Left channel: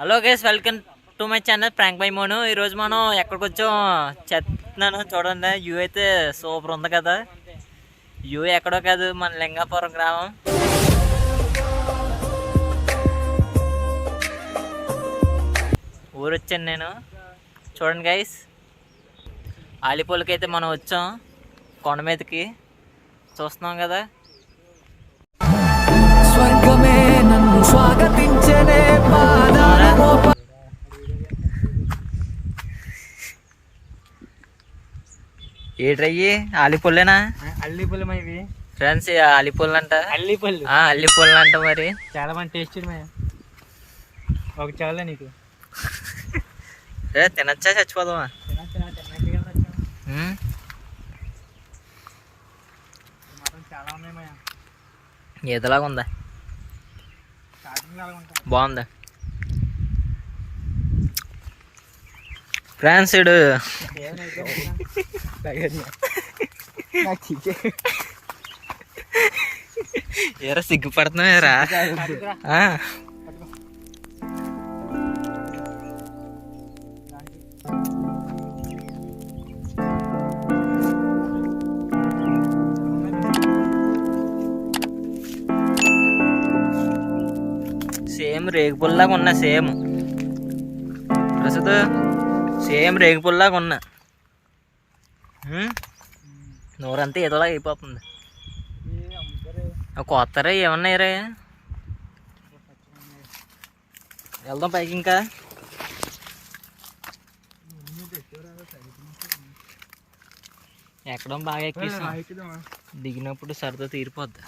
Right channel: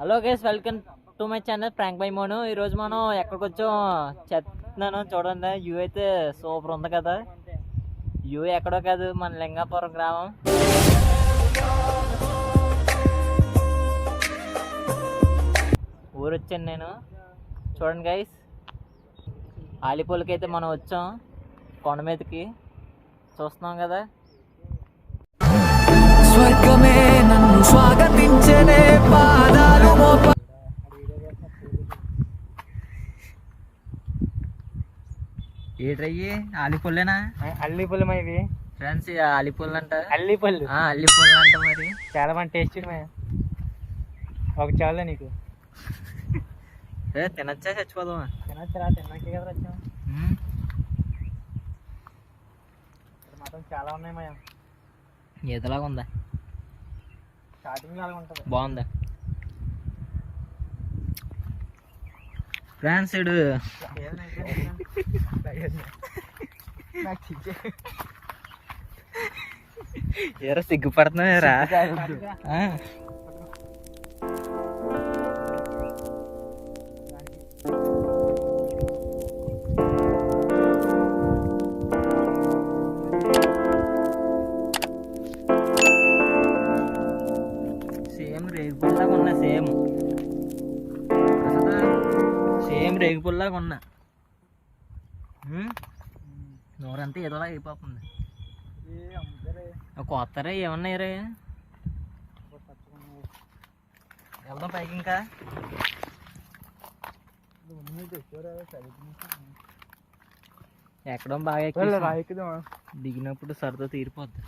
Hello guys welcome to my channel prank by Monu ఈరోజు మనం ఎక్కడికి వచ్చాం చెప్తున్నాను చూడండి. వ్యూ అయితే సూపర్ ఉంది కదా. వ్యూ ఎక్కడో కాదు మన లింగాపురం గ్రామం. ఊరు వచ్చాను నేను. చూడండి గైస్ ఆలిపూలకి అయితే మనం వచ్చాం కొండ మీదకి. చూస్తున్నాం కదా. ఏట్రయ్యి? ఆలిపూలేనా అల్లిపల్లి మా ఇది. ఫ్రెండ్స్ ఆలిపూలు అంట అల్లిపల్లి. ఆ, అల్లిపూలు అంట మరి. చాలా మంది టేస్ట్ ఒక చాలా నీకు. ఏ తినచ్చా? చచ్చిపోదామా? చాలా ఉన్నాయి ఈతలాగా ఉందా? బాగుందా? ఫ్రెండ్స్ ఇడు ఏరా సిగ్గుపడుతున్నావేరా సేమ్ రేగుపుల్లాగా ఉన్నా సేమ్ ప్రస్తుత సేమ్ రేగుపుల్లాగా ఉన్నా నోరంతా ఏదోలా అయిపోతుంది. కొత్తరా ఏమన్నా రే వెళ్దాం పైకి ఇంకా. ఎక్కడం బాగా ఎక్కి దిగినప్పుడు సరదా తీరిపోద్ది.